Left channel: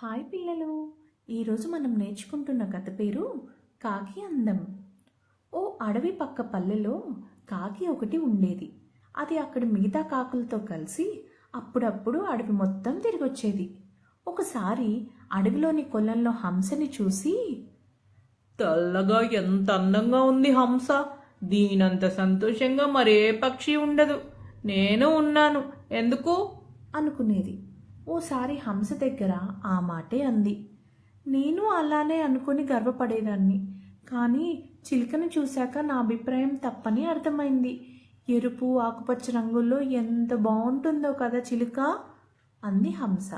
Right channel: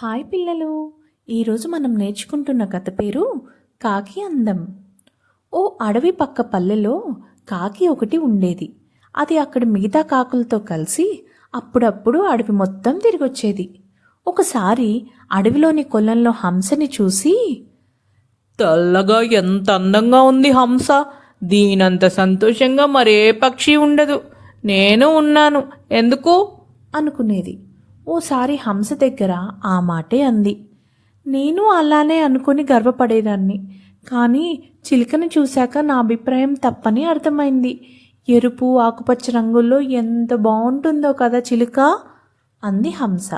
Hi పిల్లలు, ఈరోజు మనం నేర్చుకుంటున్న కథ పేరు కాకి అందం. ఓ అడవి పక్క పల్లెలో కాకి ఒకటి ఉండేది. అది అక్కడ మిగతా కాకులతో కలిసి అప్పుడప్పుడు అడవి మొత్తం తిరిగొచ్చేది. ఒకసారి అడవిలోని కొలంలో హంసని చూసి, తెల్లగా ఎంత అందంగా ఉంది హంస. దీనంత సంతోషంగా మరే పక్షి ఉండదు. నేను ఉన్నాను ఎందుకు అనుకునేది. ఓసారి హంస దగ్గర ఆ మాటే అంది. నేను అలానే అనుకుని గర్వపడేదాన్ని, కానీ చిలుకను చూశాక నా అభిప్రాయం తప్పని అర్థమైంది. ఎరుపు ఆకుపచ్చ రంగుల్లో ఎంత బాగుంటుందో కదా చిలుక, అంది హంస.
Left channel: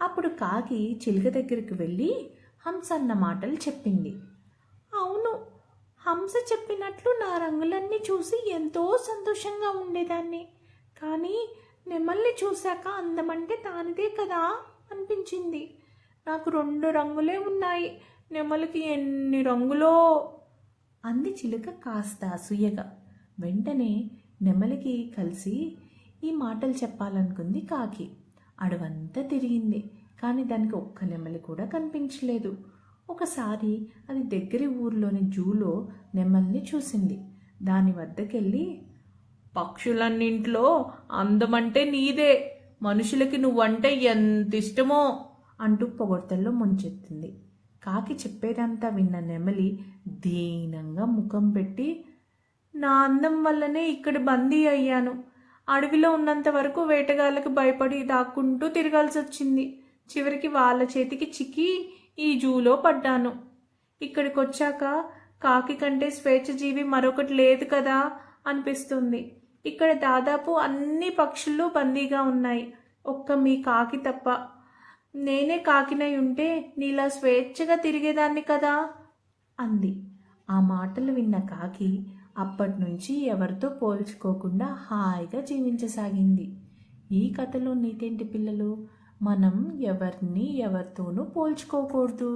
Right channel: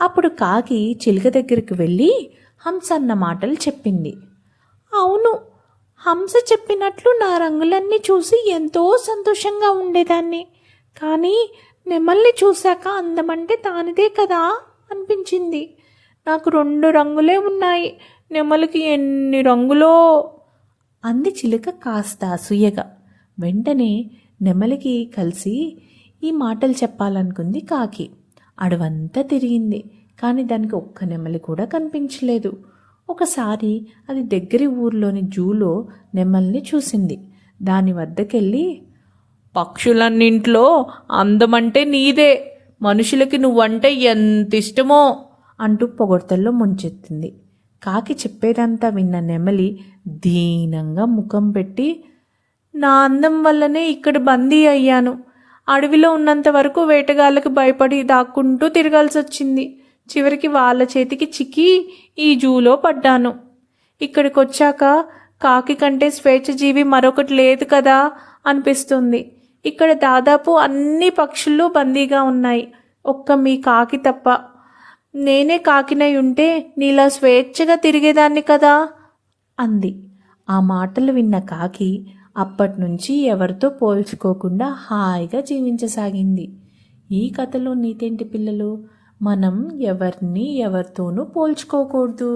అప్పుడు కాకి చిలుక దగ్గరికి వెళ్ళి హంస అన్న మాటలు చెప్పింది. అవును, హంస చెప్పినట్లు నా రంగులన్నీ చూసి ఎంతో సంతోషంగా ఉండేదాన్ని, కానీ నెమల్ని చూశాక అందమంటే దానిదే కదా అనిపించింది. నాకు 2 రంగులే ఉన్నాయి, నెమలికి ఎన్ని రంగులో, అంది చిలుక కాస్త అసూయగా. వెంటనే నెమలికి కలిసి ఈ మాటలు చెప్పాలనుకుంది కాకి. అడవంతా తిరిగింది, కానీ దానికి ఒక్క నెమలి కూడా కనిపించలేదు. ఒకసారి అది దగ్గరి ఊర్లోని జూలో నెమల్ని చూసింది. దాని వద్దకెళ్ళి, పక్షులన్నింట్లో అందమంటే నీదే. మనుషులకి నువ్వంటే ఎంత ఇష్టమో అంటూ పొగడ్తల్లో ముంచెత్తింది. కాకి చెప్పేదంతా విన్న నెమలి దీనంగా ముఖం పెట్టి, నా అందం వల్లనే ఇక్కడ బందీ అయ్యాను. అడవిలో ఉన్నంత వరకు వేటగాళ్ళకు భయపడి దాక్కుంటూ తిరగాల్సి వచ్చింది. చివరికి వాళ్ళ చేతికి చిక్కి ఈ జూలో పడ్డాను. ఇక్కడికి వచ్చాక కాకి కంటే స్వేచ్ఛజీవి మరొకటి లేదు కదా అనిపిస్తుంది. ఇక్కడ దాదాపు అన్ని పక్షులు బందీగా ఉన్నాయి, ఒక్క మీ కాకి తప్ప. నేనే కాకినై ఉంటే నీలా స్వేచ్ఛగా తిరిగేదాన్ని కదా, అంది. ఆ మాటలు విన్న కాకి అప్పటినుంచి ఎవరితో పోల్చుకోకుండా హాయిగా జీవించసాగింది. ఈ కథలో నీతేంటి పిల్లలు? మనం ఎవరితోనూ పోల్చుకోకూడదు.